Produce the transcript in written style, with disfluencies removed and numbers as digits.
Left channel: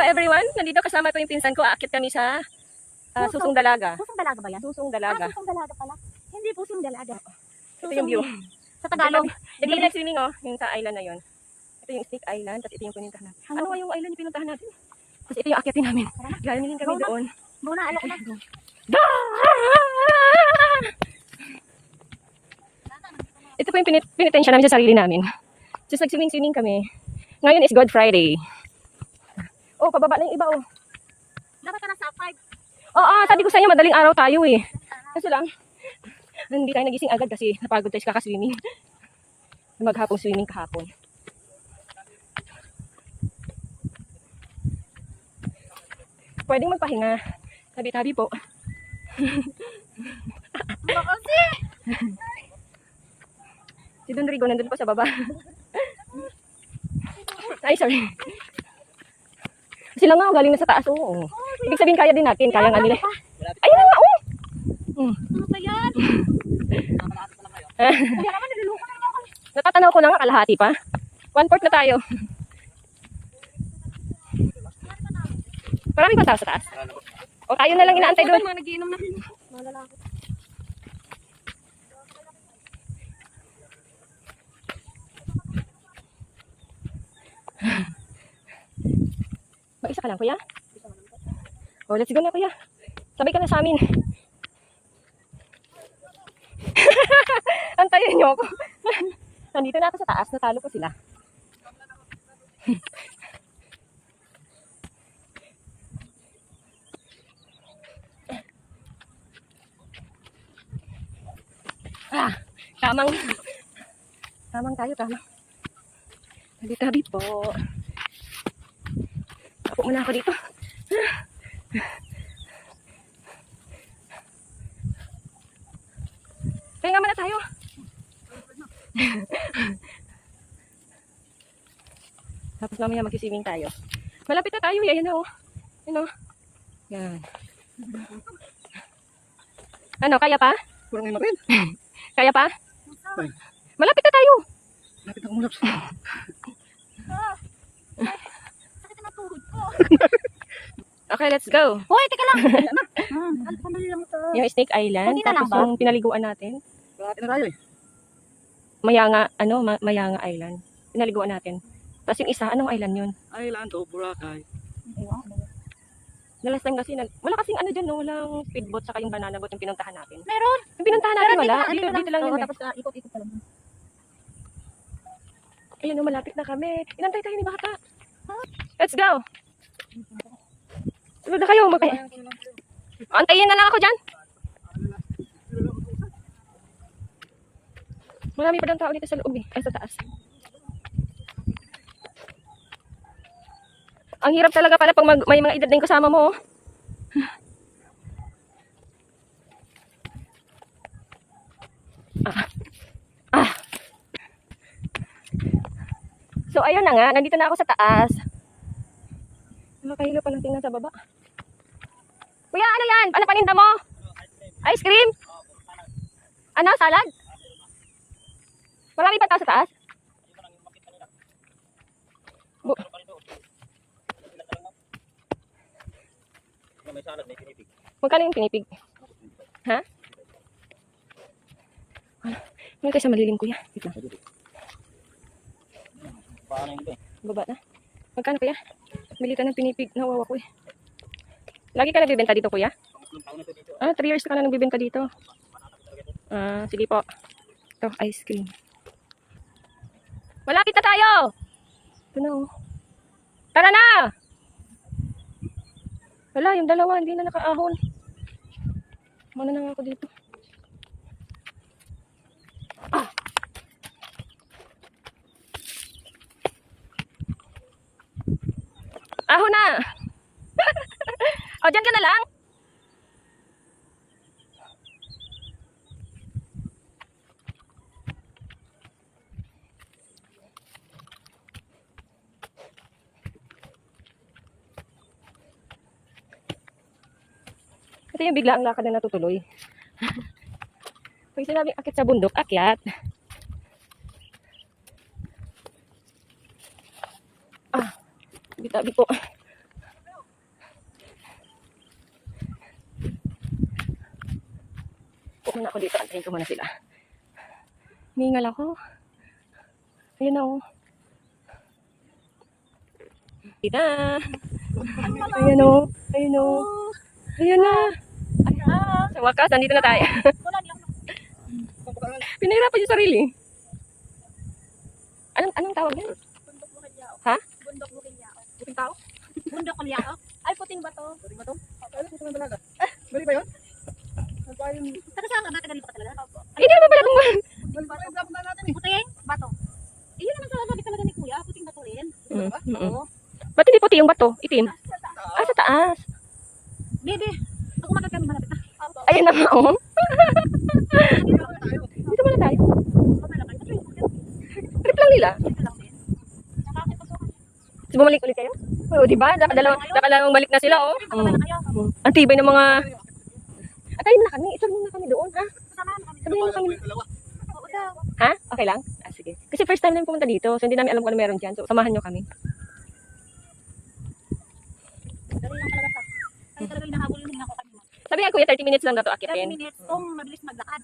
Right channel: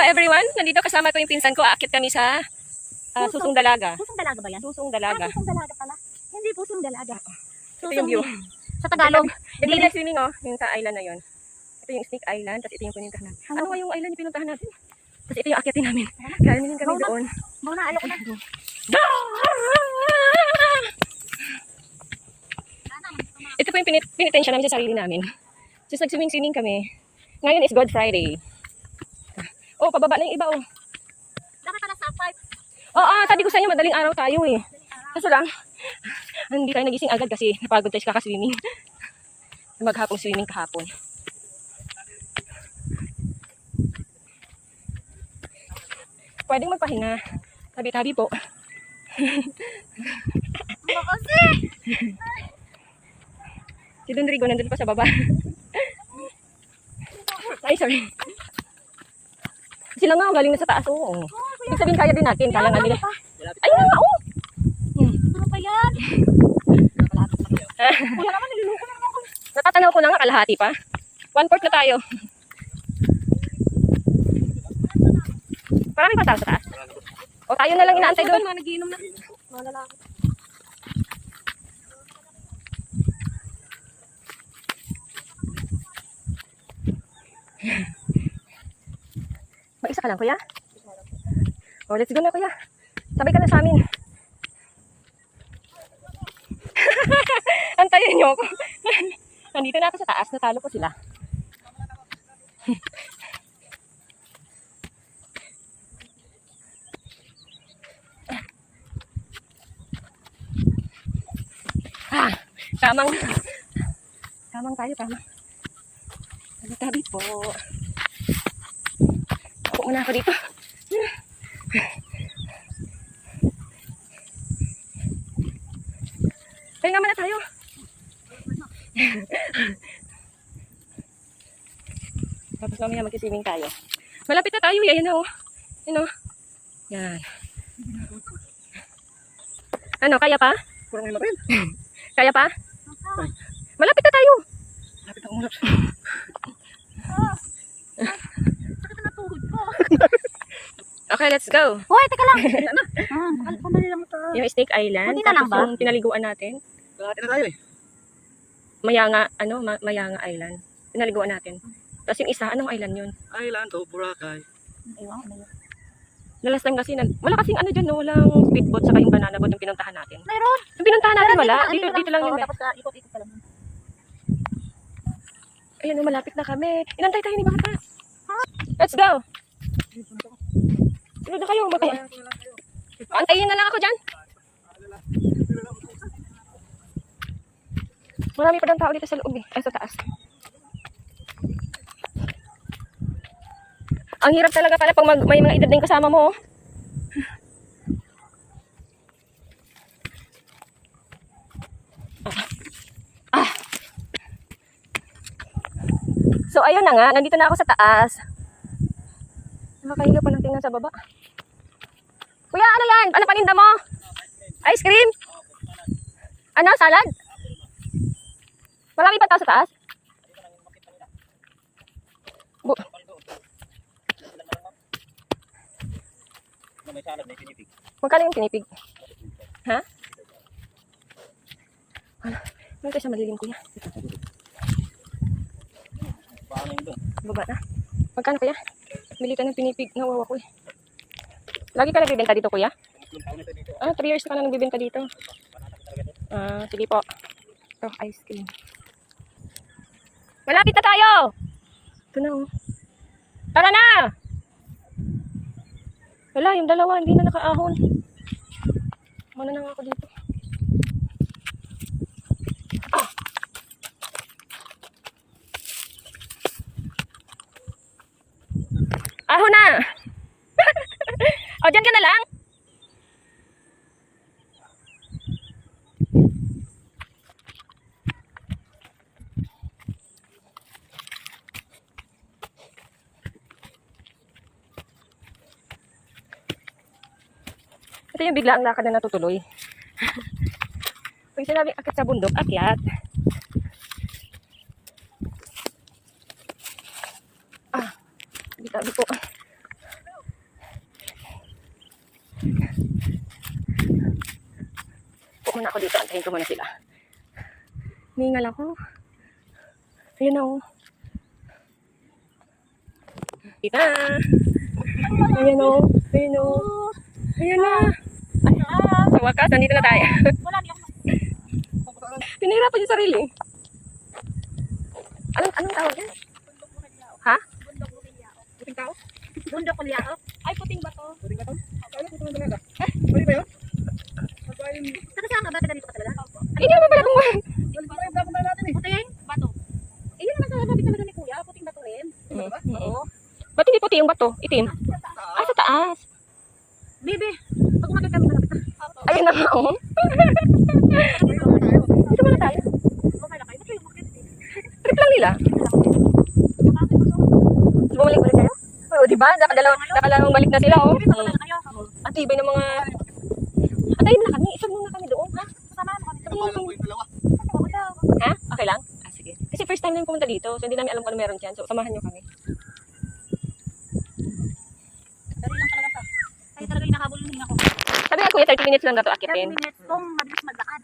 Everyone, nandito kasama ko yung pinsan ko. Aakyat kami sa Susong Dalaga. Susong Dalaga ba yan? Susong Dalaga. Susong Dalaga pala. Hindi Pusong Dalaga. Ito yung view. Sa Tagalog. Ito yung swimming yung sa island na yun. Ito yung Snake Island, tapos ito yung pinuntahan natin. Ano nga yung island yung pinuntahan natin? Tapos ito yung aakyatin namin. Galing kami doon. Muna, alok na. Ito po yung pinitensya namin sa sarili namin. Just nag-swimming kami. Ngayon is God Friday. Oh, pababa na yung iba, oh. Dapat na sa 5. Oo, sabi ko sa inyo, madaling araw tayo eh. Kaso lang, hindi tayo nagising agad kasi napagod tayo sa kaka-swimming. Maghapong swimming kahapon. Pwedeng magpahinga. Tabi-tabi po. Kasi! Si Don Rigo nandun pa sa baba. Ay, sorry. Sila nga, galing na sa taas. Oo. Ibig sabihin, kaya din natin. Kaya nga nila. Ayun na nga, oh! Ano ba yan? Kuya naman, niluluko na ako. Natatanaw ko na nga, kalahati pa. 1/4 na tayo. Marami pa tao sa taas. O tayo na lang inaantay doon. Nagiinom na rin. Mga lalaki. Mag-isa ka lang, kuya? O, let's go na, kuya. Sabay ka na sa amin. Antayin niyo ako. Nandito na ako sa taas. Natalo ko sila. Tamang tayo, tamang. Tabi-tabi po. Ako muna ako dito. Kaya nga muna tayo. Tapos mamaya mag-swimming tayo. Malapit na tayo. Yan o. Yan o. Yan. Ano, kaya pa? Kurang may marin. Kaya pa? Malapit na tayo. Lapit ang ulap. Sakit na tuhod ko. Okay, let's go. Hoy, teka lang. Pandali lang ito. Yung Snake Island. Hindi na lang Tapos ba? yung pinaliguan natin. Kalahati na tayo eh. Mayanga Island. Pinaliguan natin. Tapos yung isa, anong island yun? Island to Boracay. Ayun. Nalas lang kasi, wala kasing ano dyan, no? Walang speedboat saka yung banana boat yung pinuntahan natin. Meron. Yung pinuntahan natin wala. Dito Dito lang yun eh. Tapos ikot-ikot ka lang. Ayan, no, malapit na kami. Inantay tayo ni Bata. Let's go. Sunod na kayo. Antayin na lang ako dyan. Marami pa ng tao dito sa loob eh. Ay, sa taas. Ang hirap talaga pala pag may mga edad din kasama mo. So, ayun na nga. Nandito na ako sa taas. Nakakahiga pa ng tingnan sa baba. Kuya, ano yan? Ano paninda mo? Ice cream? Ano? Salad? Marami pa tao sa taas? May salad, may pinipig. Magkano yung pinipig? Ha? Ano? Yung kayo sa malilim, kuya. Wait lang. Paano yun doon? Baba na. Magkano, kuya? Bili ka ng pinipig. Nawawa ko eh. Lagi ka nagbibenta dito, kuya? 3 years ka na nagbibenta dito. Sige po. Ito, ice cream. Malapit na tayo! Ito na, oh. Tara na! Wala, yung dalawa, hindi na nakaahon. Muna na nga ako dito. Ahon na! O, dyan ka na lang? Ito yung bigla ang lakad na natutuloy. Pag sinabing akit sa bundok, akyat. Tabi-tabi po. muna ako dito. Antayin ko muna sila. Mingal ako. Ayun na oh. Tita! Ayan o. Ayan o. Ayan na. Sa wakas, nandito na tayo. Wala, di ako. Pinahirapan yung sarili. Anong tawag yan? Bundok Bukilyao. Ha? Bundok Bukilyao. Puting tao? Bundok Bukilyao? Ay, puting bato. Pwede ba ito? Kaya puto ng dalaga. Pwede ba yun? Magpain. Saka saan ka? Taga dito ka talaga? Ay, hindi naman pala itong... Balik pa yung dapat na natin eh. Puting bato. Eh, yun naman sa sabi talaga ni Kuya. Puting bato rin. Oo. Ba't hindi puti yung bato? Itim? Ah, sa taas. Bebe, pag umagat kami malapit na. Ayun na nga oh. Dito muna tayo. Okay lang kayo. Ba't kayo umagat? Trip lang nila. Bakit ba to? Tapos bumalik ulit kayo? Oo, diba? Nakalamang balik na sila oh. Ang tibay ng mga... Antayin mo na kami. Isog muna kami doon. Ha? Kasama mo kami. Sabihin mo Kapalan kami. ko yung dalawa. Oo daw. Ha? Okay lang? Ah, sige. Kasi first time lang pumunta dito. So hindi namin alam kung ano meron dyan. So samahan nyo kami. Dari lang talaga siya. Ay talaga hinahabol din ako. Sabi nga kuya, 30 minutes lang na to 30 akitin. minutes kung mabilis maglakad.